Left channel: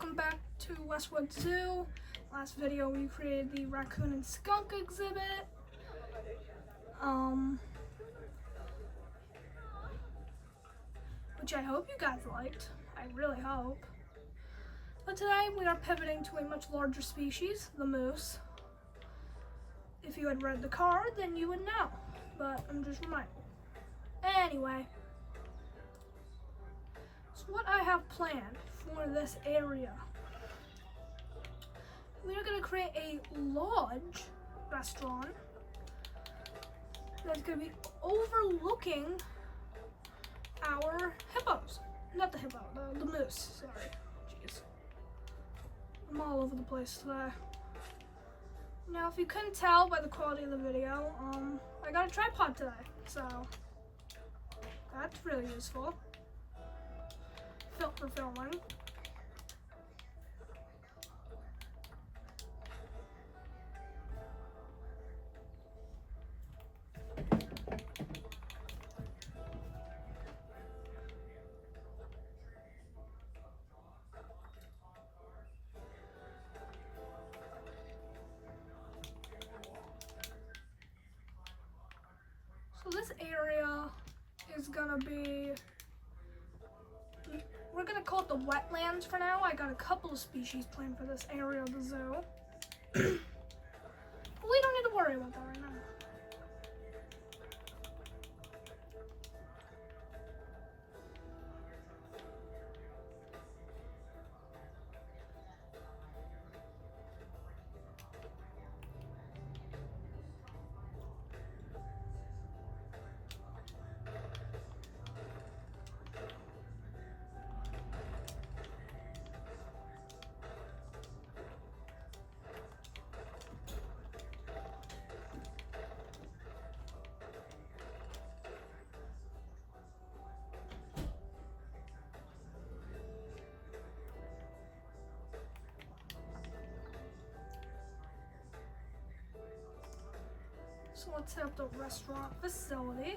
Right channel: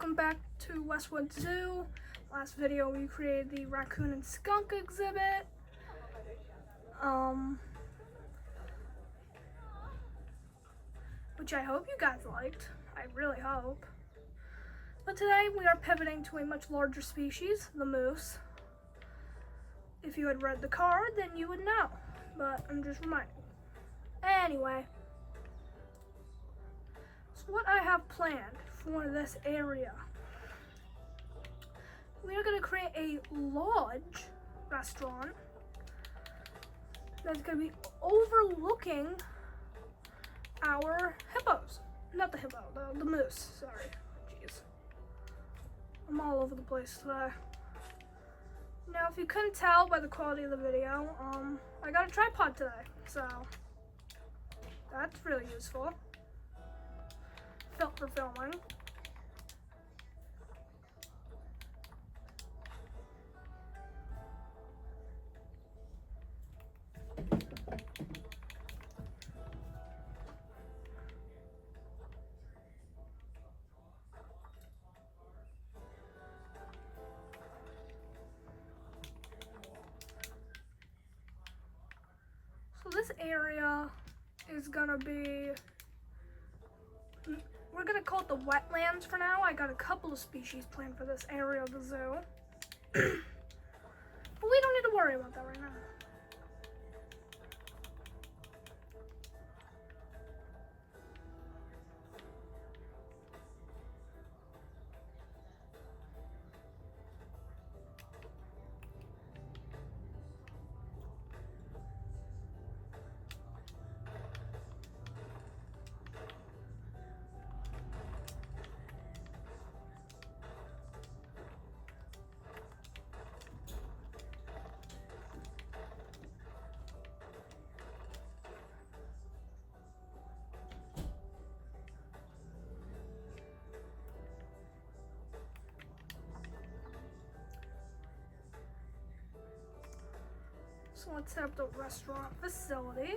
welcome back to Westwood Zoo. Last video we created the raccoon and skunk exhibit. Which I hope you guys liked. I really hope. But today we are pivoting to a much larger species, the moose. If you had read the card, then you would know. But I'm just reminding you. Anyway. So what I have planned for this area. We are going to create a lodge restaurant that's going to be overlooking our hippos. Not the hippo, the moose, sorry. Jeez. I'm all over the place today. Now, if you couldn't tell by the quality of the video, I got a tripod today, so that's really useful for filming. So this area is gonna be, we're gonna call it the wetlands for now. I got a couple of species planned for this area of the zoo. But we don't need to worry about that right now. So let's set up the restaurant facility.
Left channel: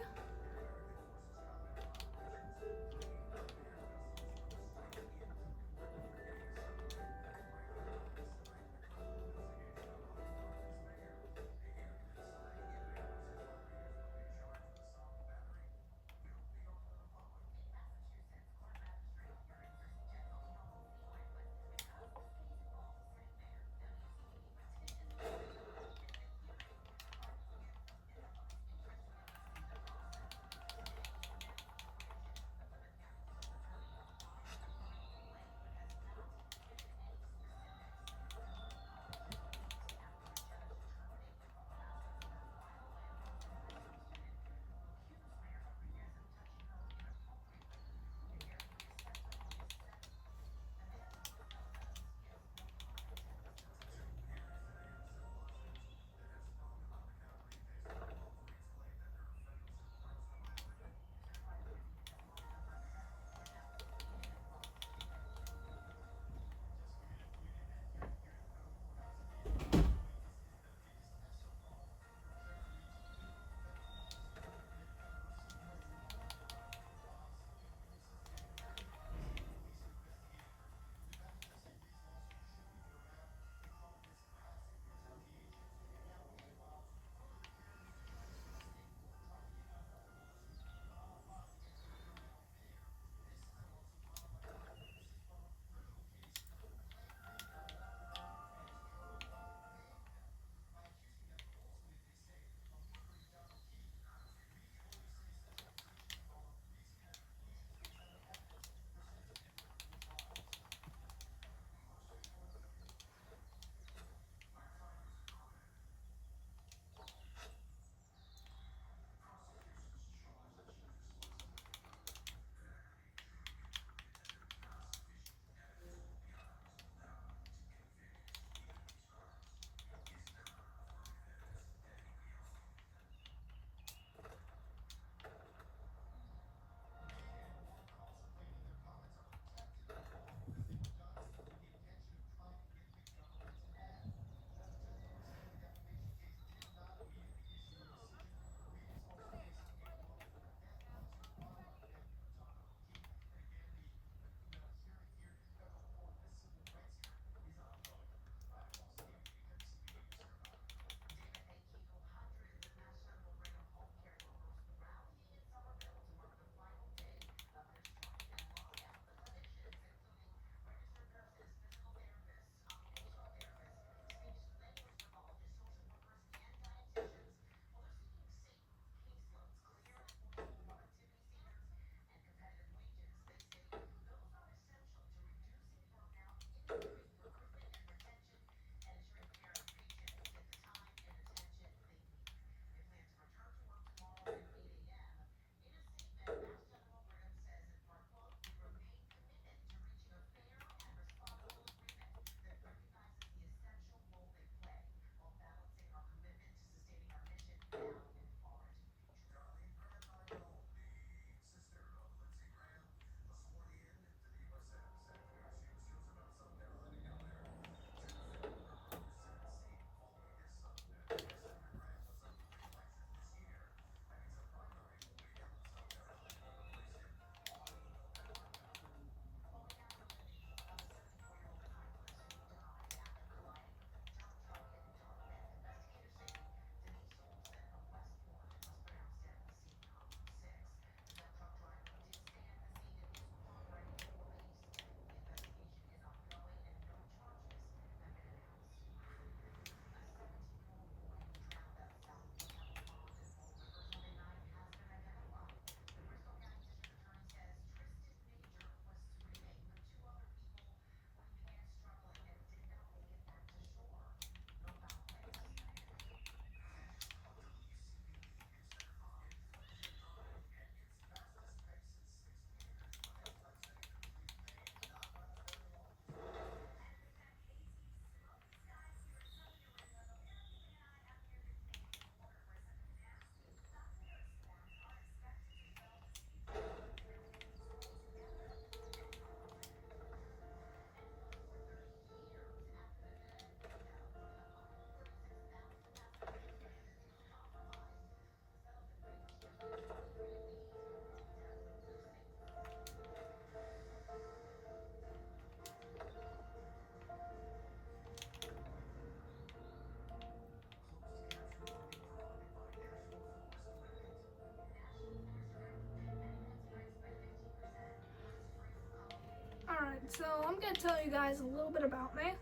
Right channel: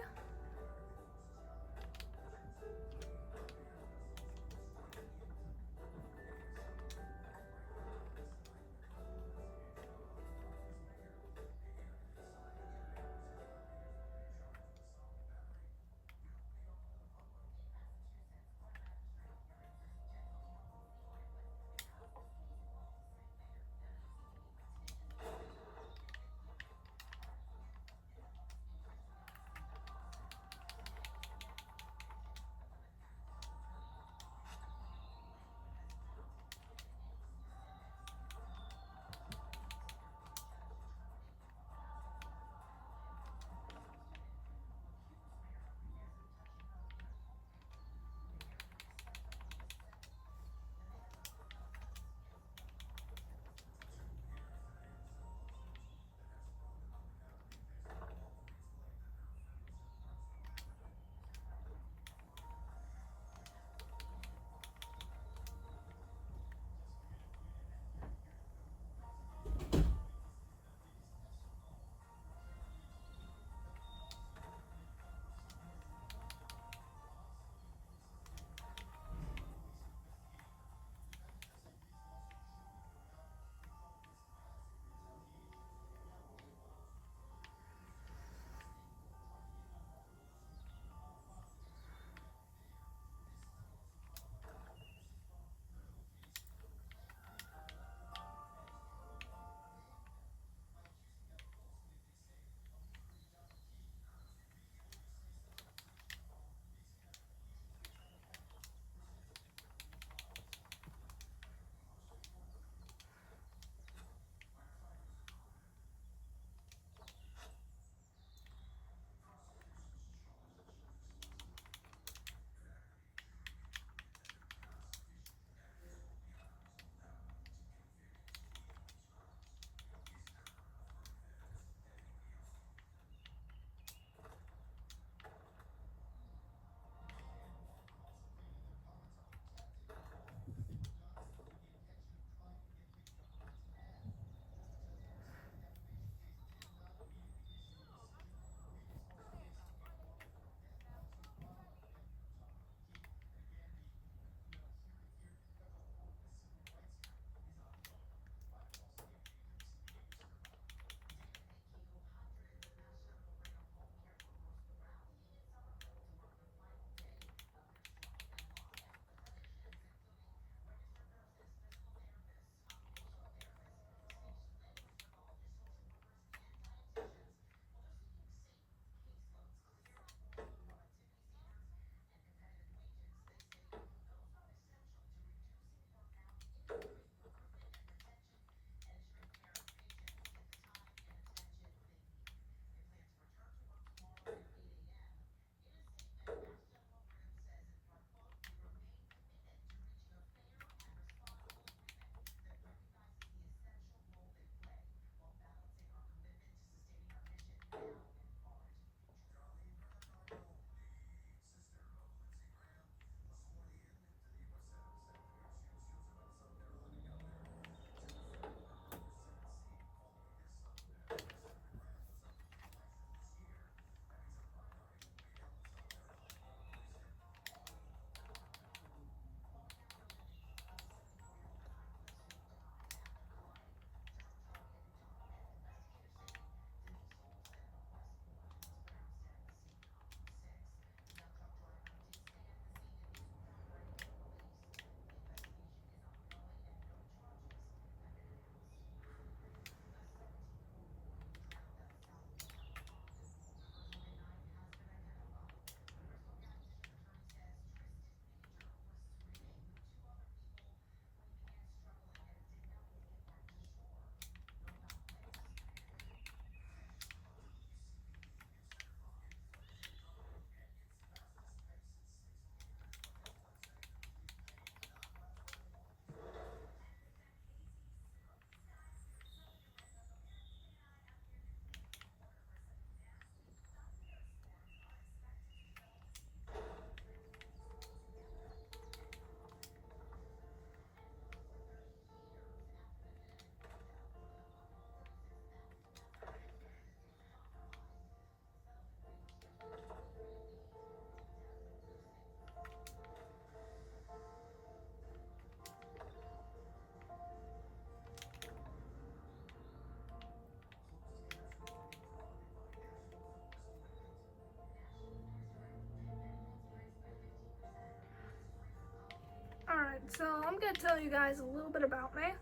so I'm gonna tell you guys a little bit about me.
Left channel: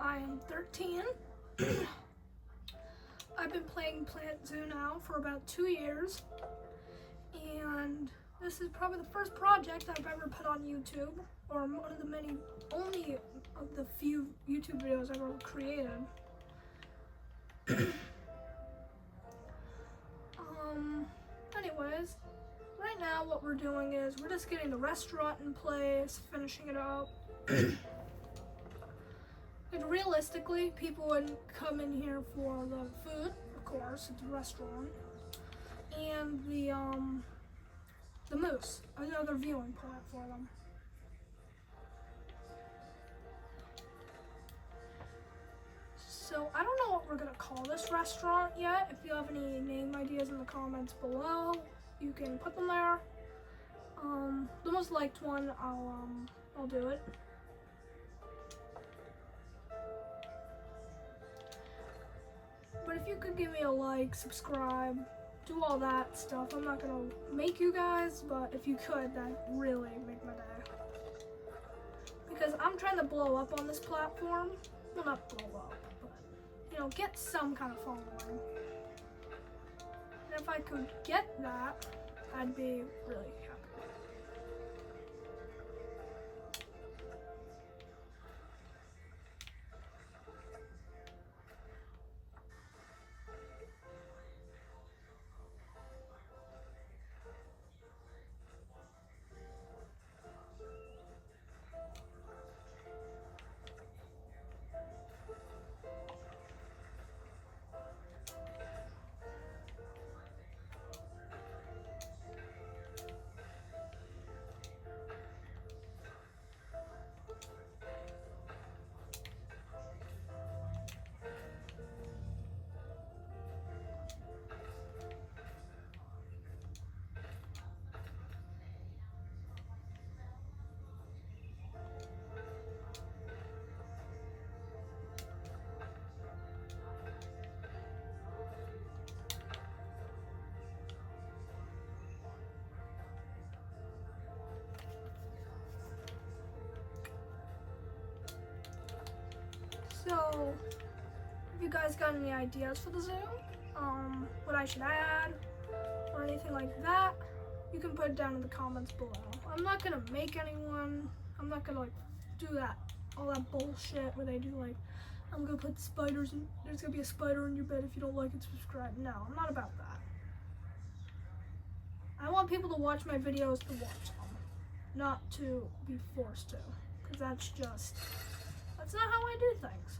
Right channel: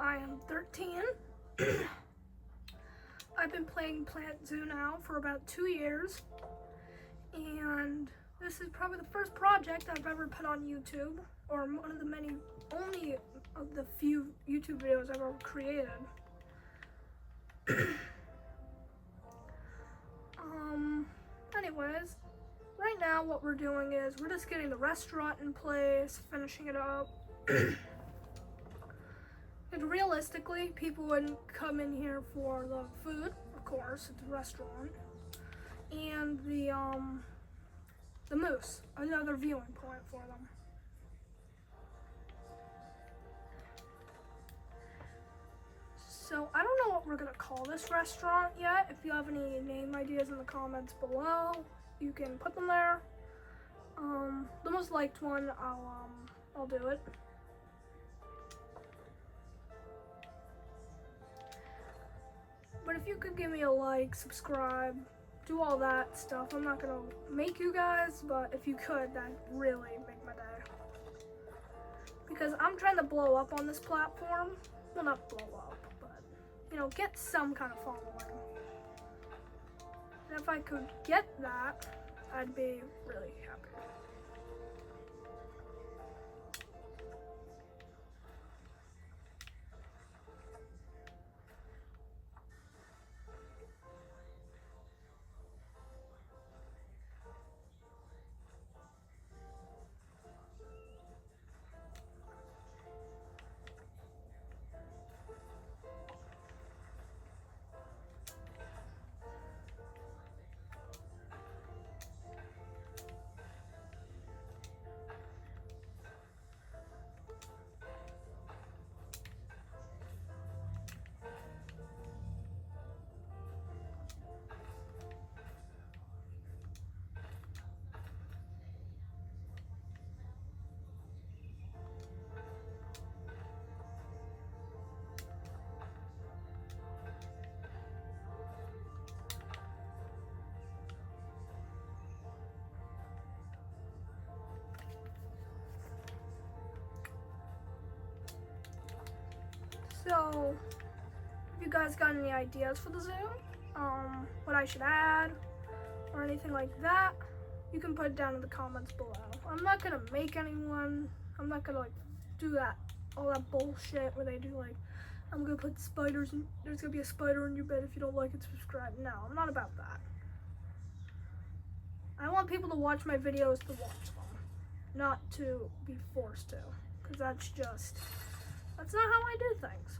I am 13. I've been playing Plant Zoo now for about 2 years, and this is probably the first project I've ever put on YouTube, or one of the only of the few YouTube videos I've ever created. Anyways, right now what we're doing is we're just getting the restaurant in place, finishing it up. And realistically, people wouldn't come in here for the food, of course, it's a restaurant, and the moose, another viewing platform. So I don't know what we're gonna call this restaurant yet. If you have any name ideas in the comments below, you can put them there. The most liked one, I'll do it. But if you could give me a like, subscribe, do all that stuff. I'm not gonna make you guys, but if you could, that'd really make my day. Because I'm trying to blow up on this platform. Well, not blow up, but, you know, get some kind of following. And if I could get that, I'd be really happy. So, if you guys got any ideas for the zoo, what I should add, or anything like that, you can put it down in the comments below. I'm not gonna make anyone, I'm not gonna like do that, all that bullshit where they do like, I'm gonna put spiders in, there's gonna be a spider in your bed if you don't like it, subscribe. No, I'm not about that. I want people to watch my videos to watch them, not to be forced to, because that's not how I do things.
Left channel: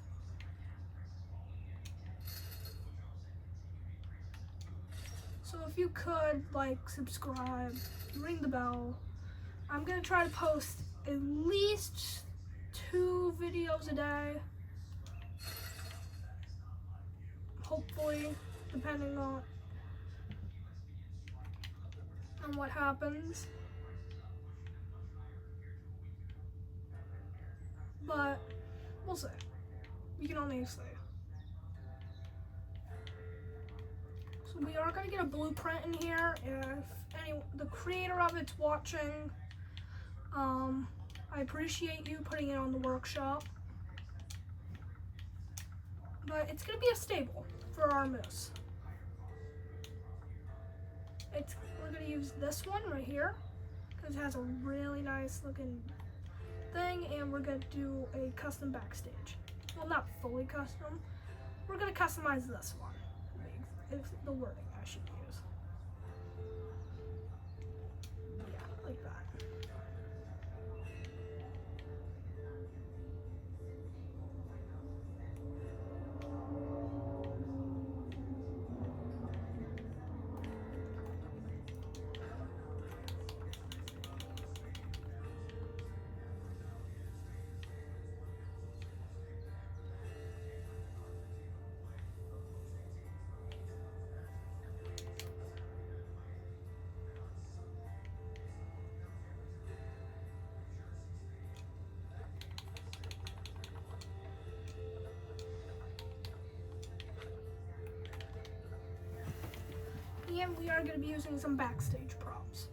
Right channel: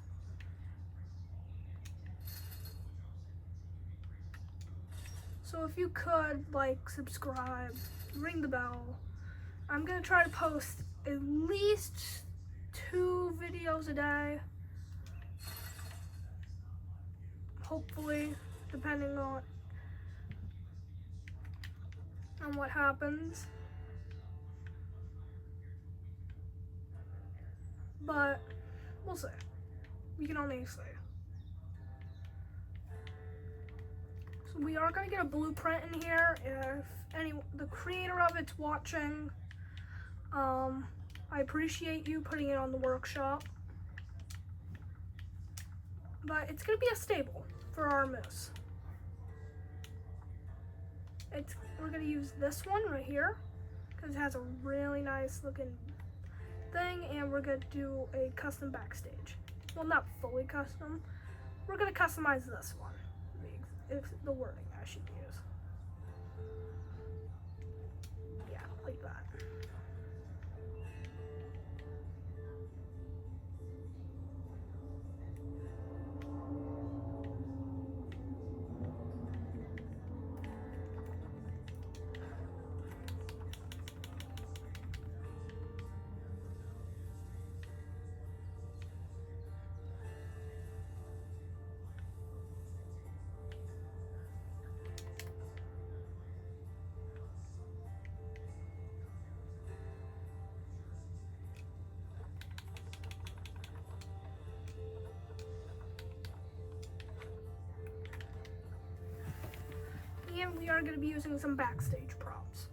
So if you could, like, subscribe, ring the bell. I'm gonna try to post at least 2 videos a day. Hopefully, depending on what happens. But we'll see. We can only see. So we are gonna get a blueprint in here. If the creator of it's watching, I appreciate you putting it on the workshop. But it's gonna be a stable for our moose. We're gonna use this one right here because it has a really nice looking thing, and we're gonna do a custom backstage. Well, not fully custom. We're gonna customize this one. If the wording I should use. Yeah, like that. And we are going to be using some backstage props.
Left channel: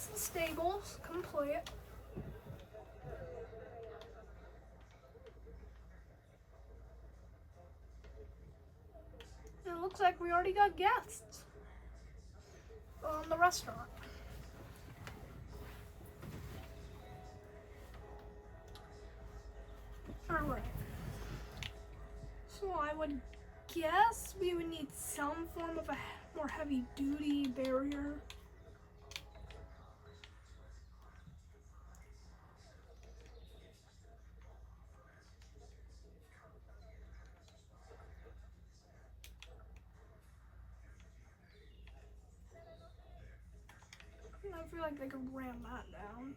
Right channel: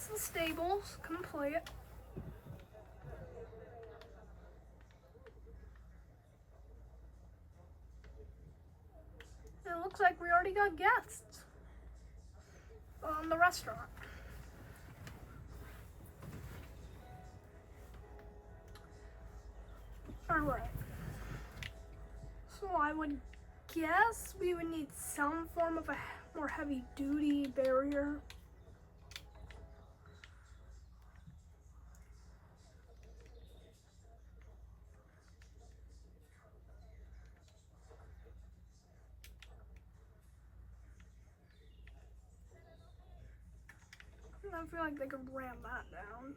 That's the stables complete. It looks like we already got guests on the restaurant. Alright. So I would guess we would need some form of a more heavy duty barrier. I feel like they could ram that down.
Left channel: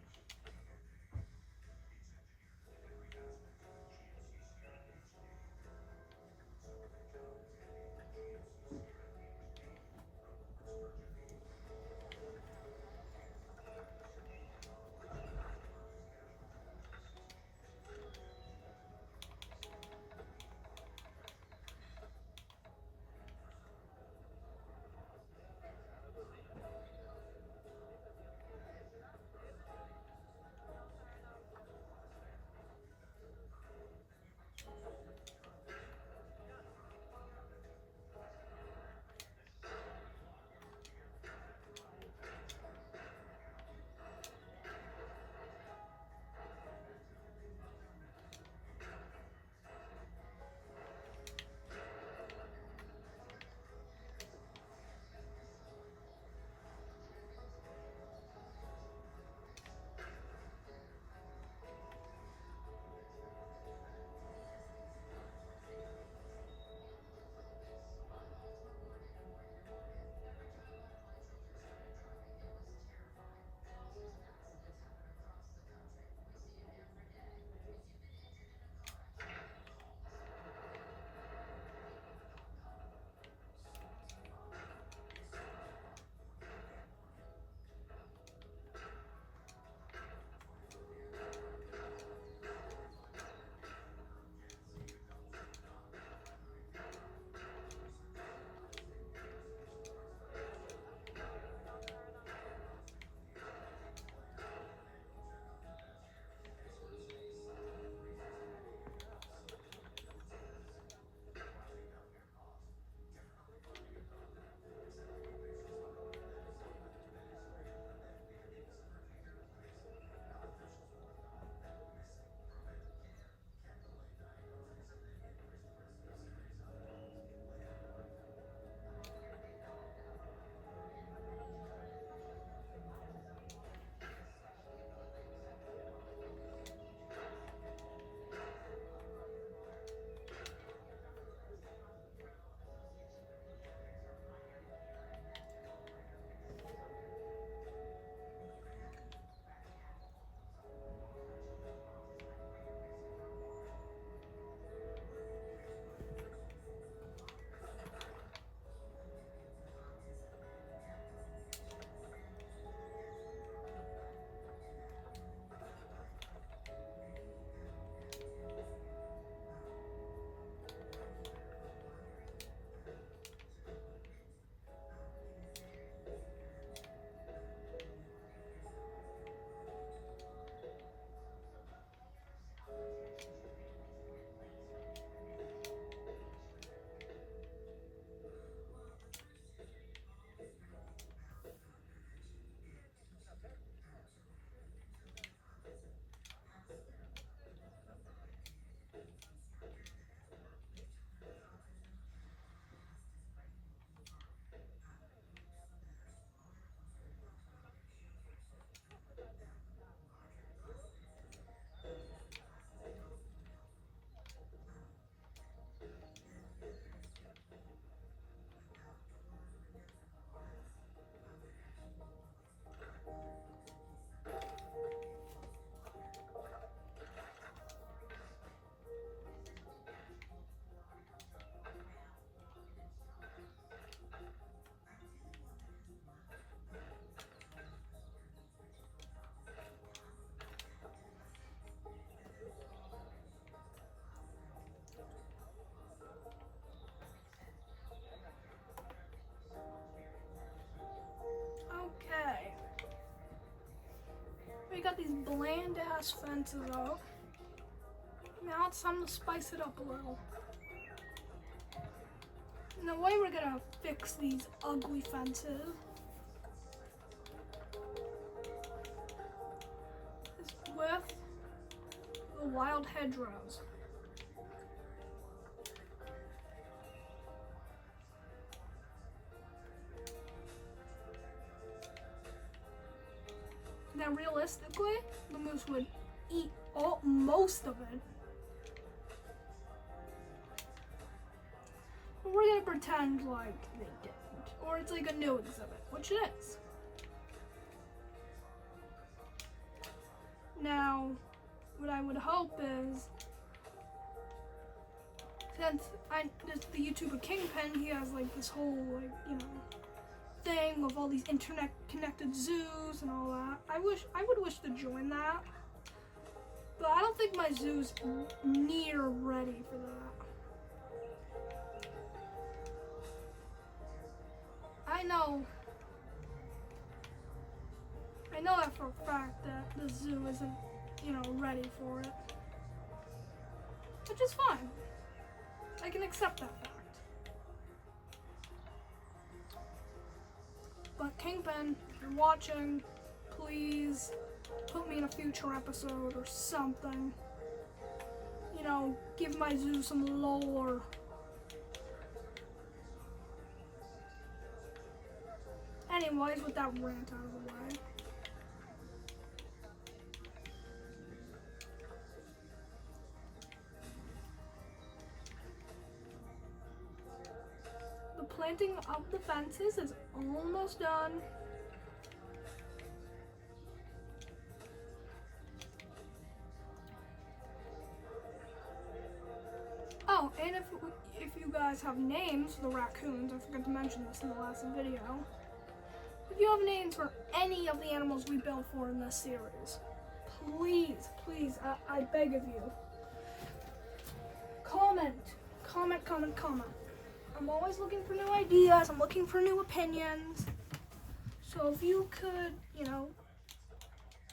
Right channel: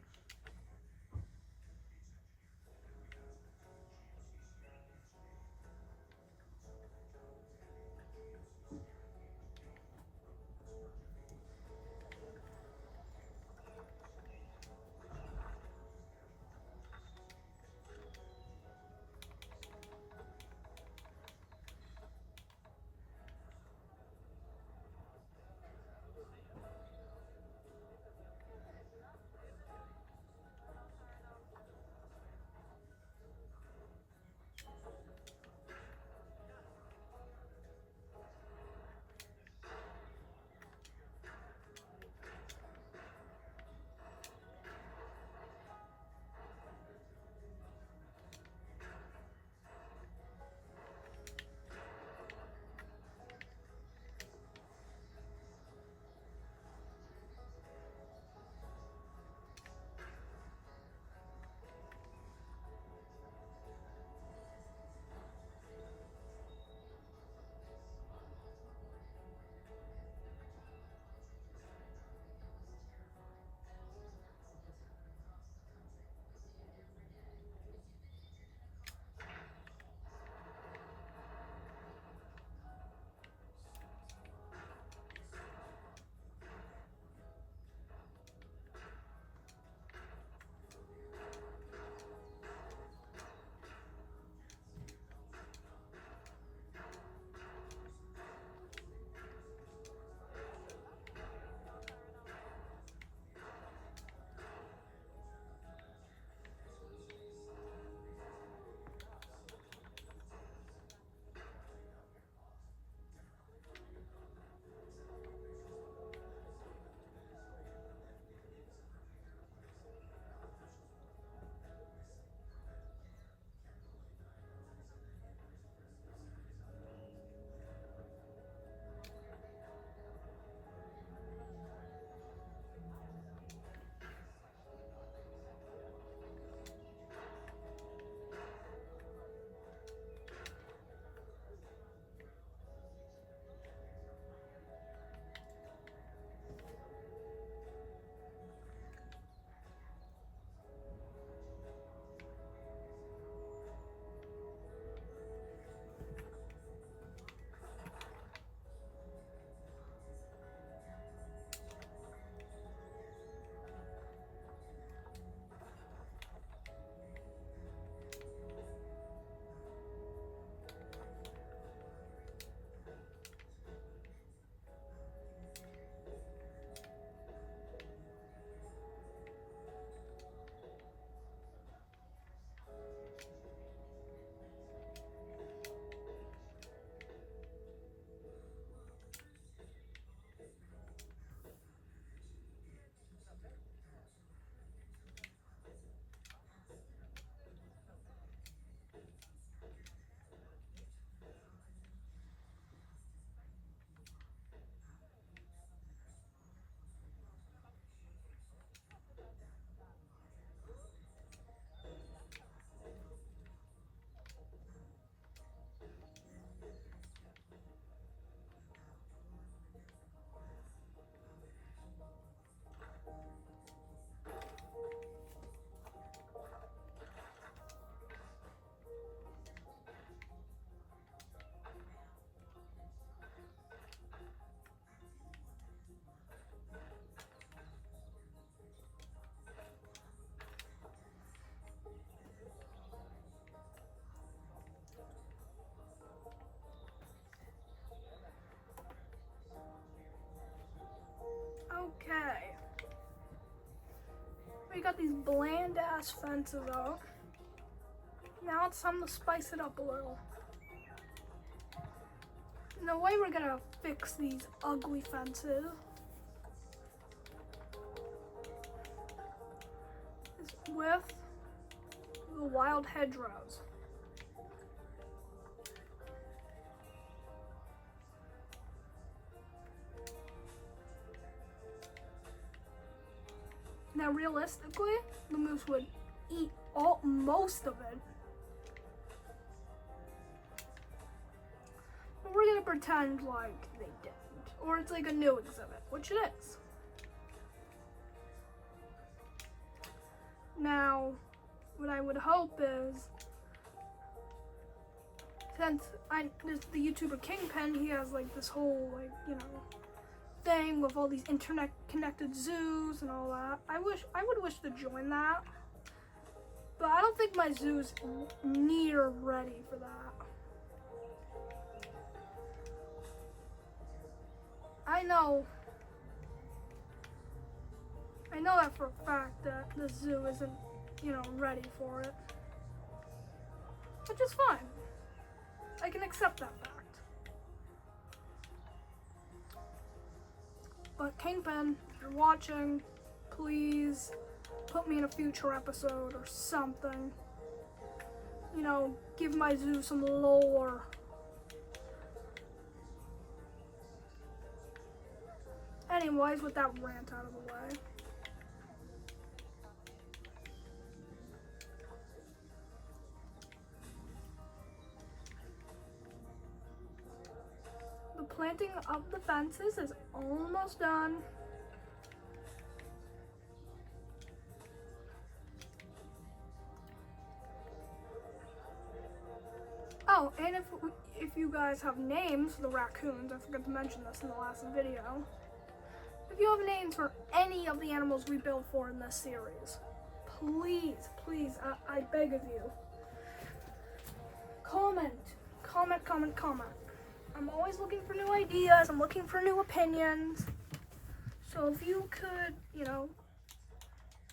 these bland ass fences up. Now it's time to spice it up a little. And the way we're gonna fix these ugly fences is with the wild hedgerows. Now realistically, the moose would eat most of it. We're gonna pretend like they didn't, or it's like a new exhibit, which it is. Now, what I would hope is, since the YouTuber Kingpin, he has like this whole thing with all these internet connected zoos and all that. I would wish to join that, but I don't think my zoo's near ready for that. I know that for a fact that the zoo isn't, ready for it. Which is fine. I can accept that fact. But Kingpin, if you're watching, please put me in a future episode or something. Give my zoo some lore. Anyways, with that rant out of the way. The planting of the fences is almost done. Oh, and if you guys have names for the raccoons, I forgot to mention this in the last video. If you have names for any of the animals we built for in this series, please, I beg of you, comment. I'm always looking for new ideas, I'm looking for new opinions. So if you could,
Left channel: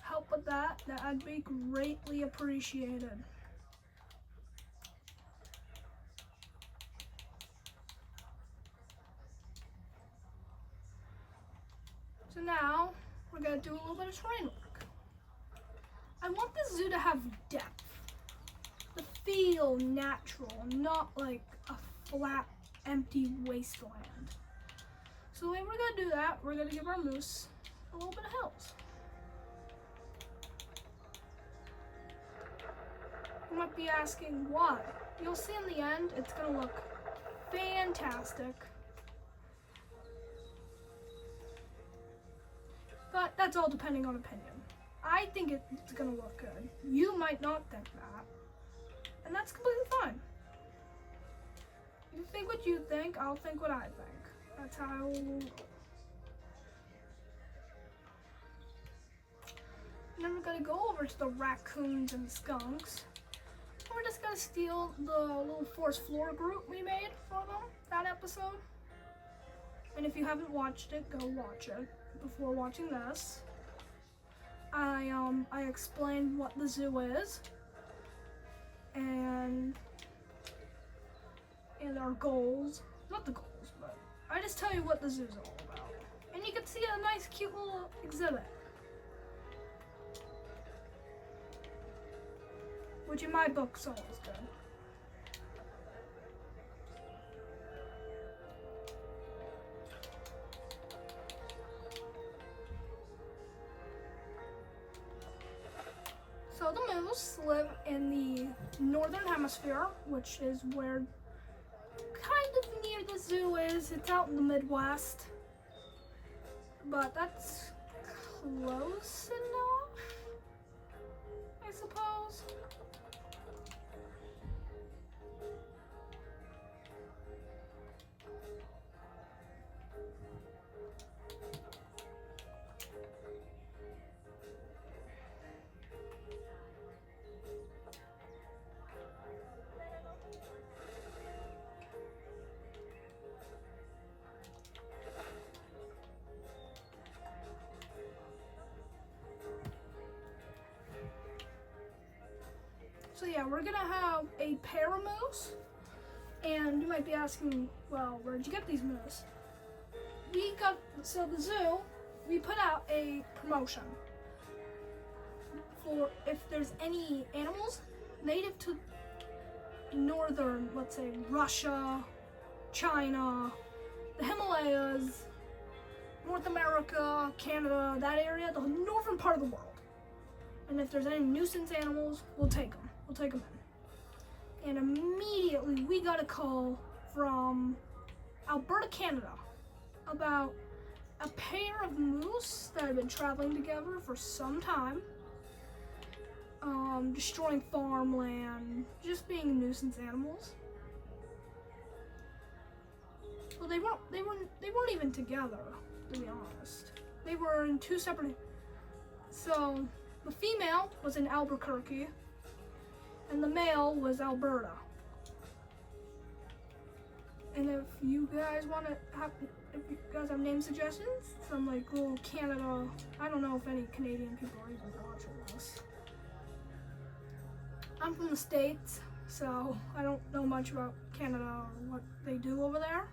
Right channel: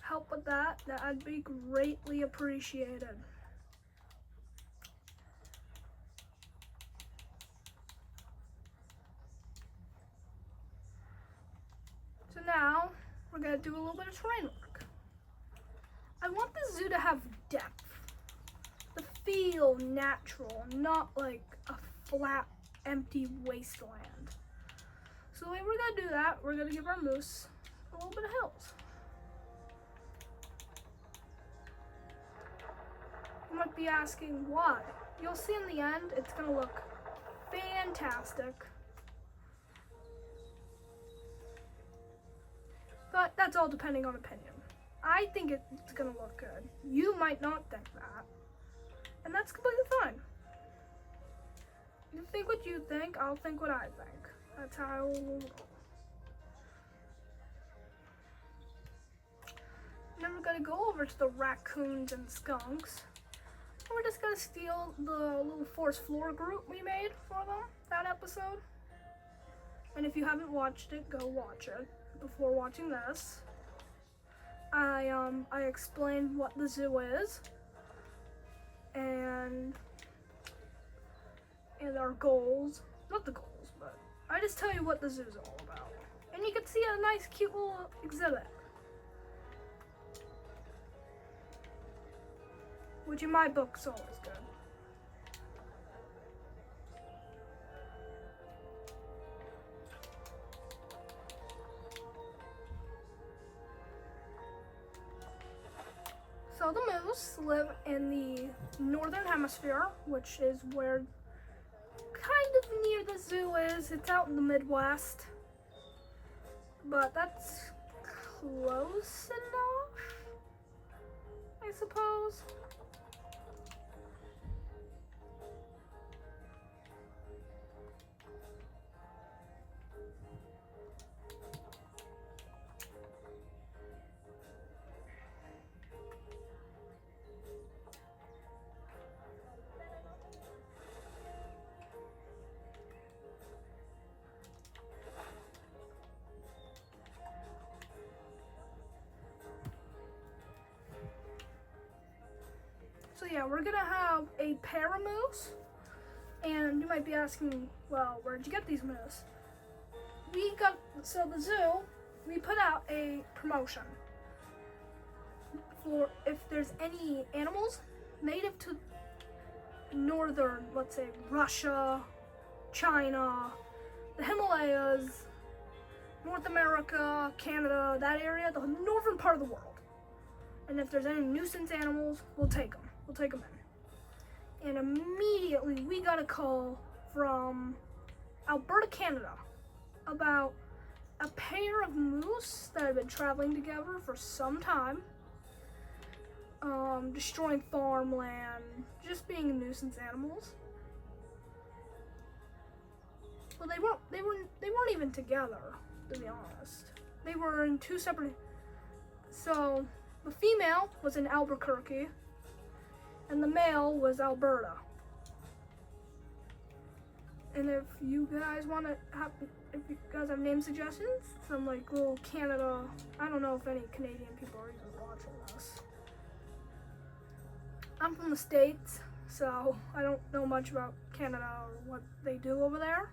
help with that'd be greatly appreciated. So now, we're gonna do a little bit of terrain work. I want the zoo to have depth. To feel natural, not like a flat, empty wasteland. So the way we're gonna do that, we're gonna give our moose a little bit of hills. You might be asking why. You'll see in the end, it's gonna look fantastic. But that's all depending on opinion. I think it's gonna look good. You might not think that. And that's completely fine. You think what you think, I'll think what I think. That's how we'll roll. Then we're gonna go over to the raccoons and skunks. We're just gonna steal the little forest floor group we made for them, that episode. And if you haven't watched it, go watch it. Before watching this, I explained what the zoo is and our goals. Not the goals, but I just tell you what the zoo's all about. And you can see a nice cute little exhibit, which in my book's always good. So the moose live in the northern hemisphere, which is where kind of near the zoo is. It's out in the Midwest, but that's close enough, I suppose. we're gonna have a pair of moose, and you might be asking, well, where'd you get these moose? So the zoo, we put out a promotion for if there's any animals native to northern, let's say Russia, China, the Himalayas, North America, Canada, that area, the northern part of the world. And if there's any nuisance animals, we'll take them. We'll take them in. And immediately we got a call from Alberta, Canada, about a pair of moose that have been traveling together for some time, destroying farmland, just being nuisance animals. Well, they weren't even together, to be honest. They were in two separate. So the female was in Albuquerque, and the male was Alberta. And if you guys have name suggestions from like little Canada, I don't know if any Canadian people are even watching this. I'm from the States, so I don't know much about Canada or what they do over there.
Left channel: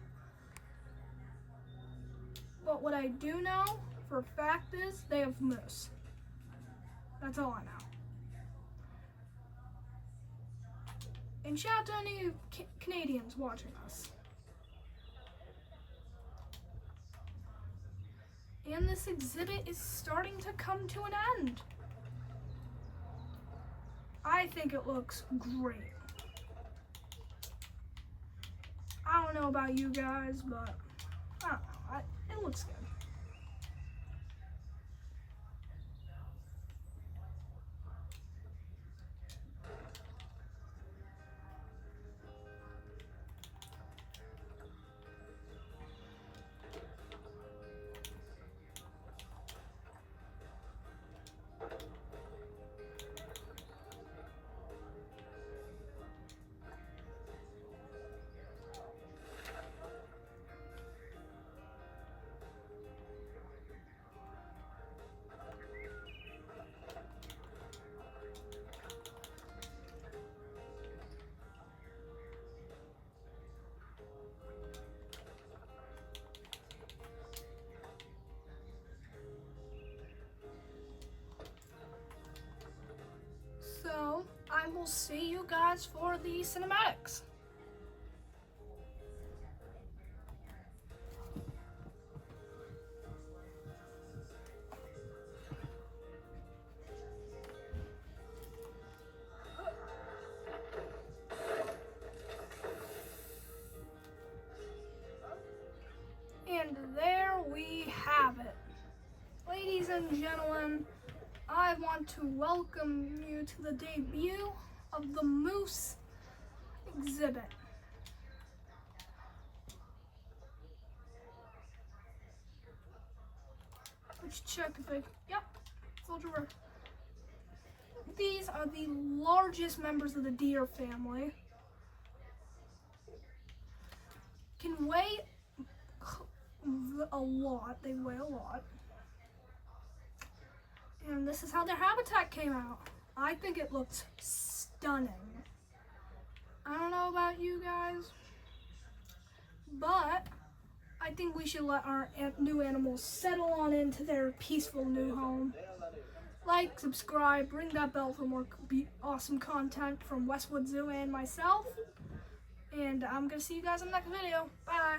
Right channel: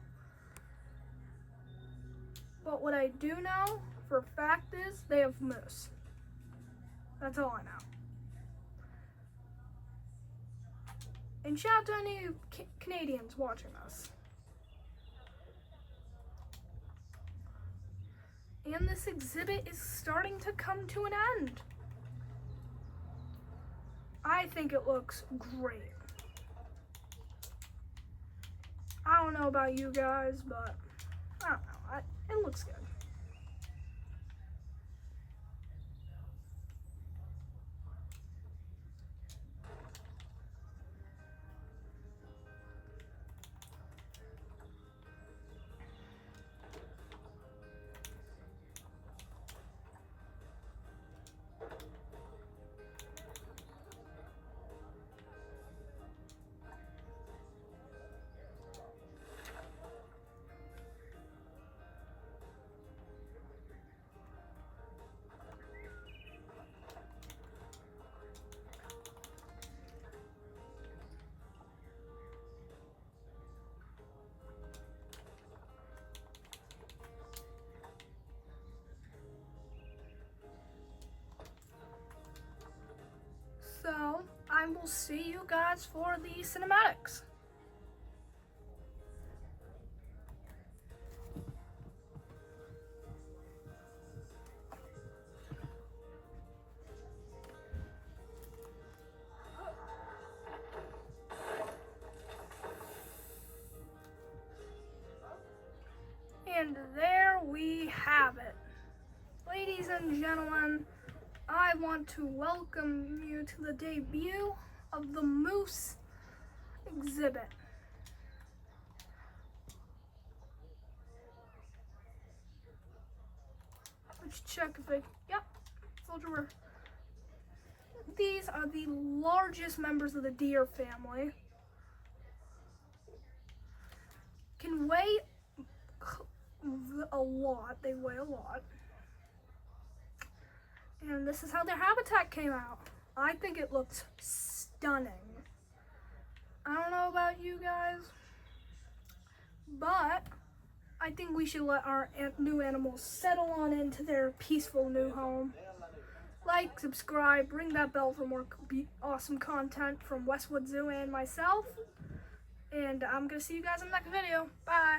But what I do know for a fact is they have moose. That's all I know. And shout out to any Canadians watching us. And this exhibit is starting to come to an end. I think it looks great. I don't know about you guys, but I don't know. It looks good. So I will see you guys for the cinematics. And there we have it. Ladies and gentlemen, I want to welcome you to the debut of the moose exhibit. Let's check if they, yep, soldier. These are the largest members of the deer family. Can weigh a lot, they weigh a lot. And this is how their habitat came out. I think it looks stunning. I don't know about you guys, but I think we should let our new animals settle on into their peaceful new home. Like, subscribe, ring that bell for more awesome content from Westwood Zoo and myself. And I'm gonna see you guys in the next video. Bye.